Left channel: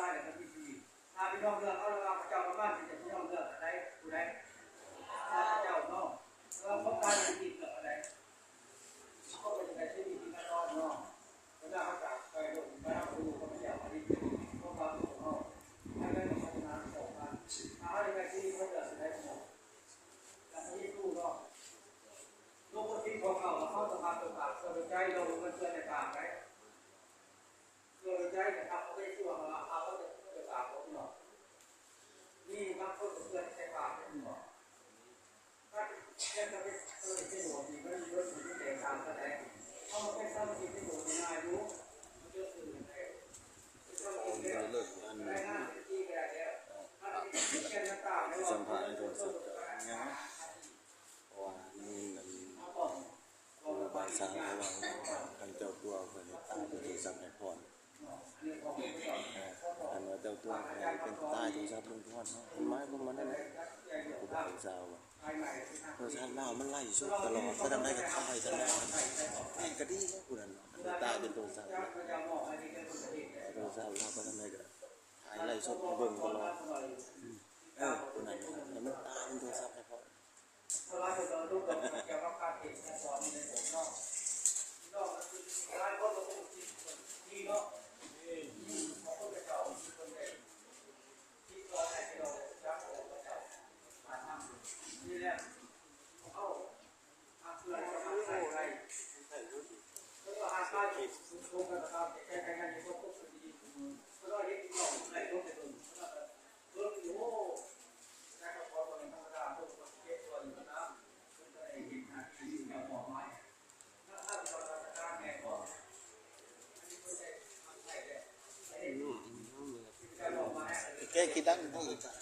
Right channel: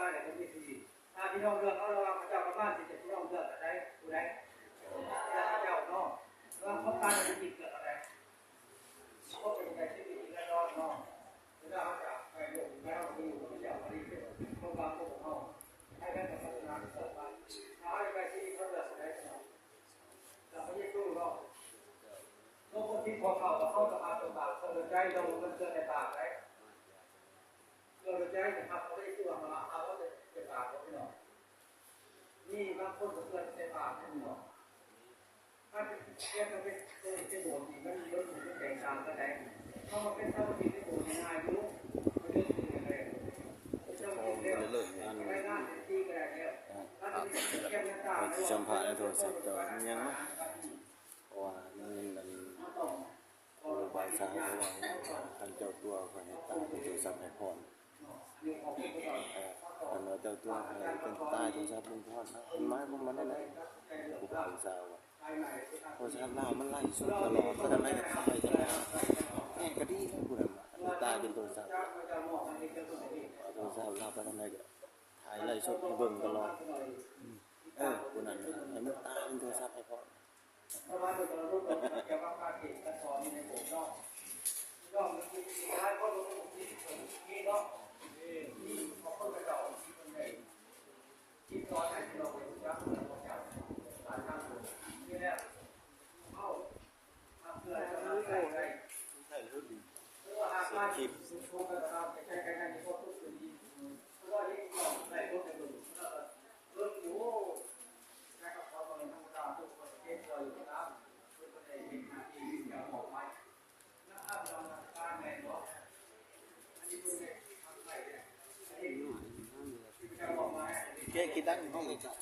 ตายเนี่ยเป็นที่ดีถ้าพี่น้องเลือกเขาเราเจ้าบ้านที่จะพี่น้องเลือกอะไรผู้ใดเจ้าเนาะเราเขาตายเป็นจิตเกิดอะไรเขาเป็นใจที่ดีและรอดเนาะเวลาเขาจากไปลงไปเขาไปอยู่กับพระเจ้าอะไรเขาตามตัวของเขาให้ได้พัฒนาต่อไปถ้าเขาในที่เขาเลือกอะไรกันแล้วเขาไม่รู้เนาะโลกที่ของเขาเขาจะพาตัวตากตัวใจลงมันเกิดจากตากไรตัวใจนะครับเขาไม่ได้ช่วยมาเขาจะตากเขาพี่น้องนี่บางคนก็เกิดจากตากพี่น้องถ้าเป็นถ้าเป็นเป็นโหดนี่มันเยอะถึงแตกต่างกันได้เพราะมันเป็นสมาธิที่โหดง่ายดูมันเยอะถึงอะไรเป็นเจ้าที่เร็วได้งานที่ก็ได้แล้วถ้าเป็นแค่น้ำตาแล้วสัมผัสโดนเสพต่อยังเพราะว่านี่มันบางสาวเขาว่าทางเจ้าตัวเขาให้ตายเป็นตัวสับให้พรอันว่าเจ้าตัวให้เป็นตายตัวสับลุงพรนะเป็นไม้พวกมันนั่นแหละกูบางสาวโทรศัพท์เรามันไล่สุดตลอดก็ทำได้กับถ่ายจะแล้วกระดิ่งกูนั่นอันนี้ตายเป็นตัวสับโทรศัพท์เราก็ทำได้กับถ่ายไล่สุดให้เบิ่งตลอดกูนั่นมันตายเป็นตัวสับให้พรถ้าเราไปตอนรูปเกี่ยวกับการเก็บการสอนในผมนอกนอกมันคือการก็ลงที่นอกที่ของคนเก่าคนใดที่สอนให้เราได้รับการเก่าผ่านทางนี่แหละเอาเพื่อจะมาใส่ไรเพราะว่าอาการที่ทุกข์นะครับใช้การที่เขาทุกข์ดีเพราะว่าที่นอกในรถในรถอยู่นะครับเขาตอนนี้ธรรมดาทุกคนเก็บตัวอยู่นะแกกินได้ห้องเลยจ้ะ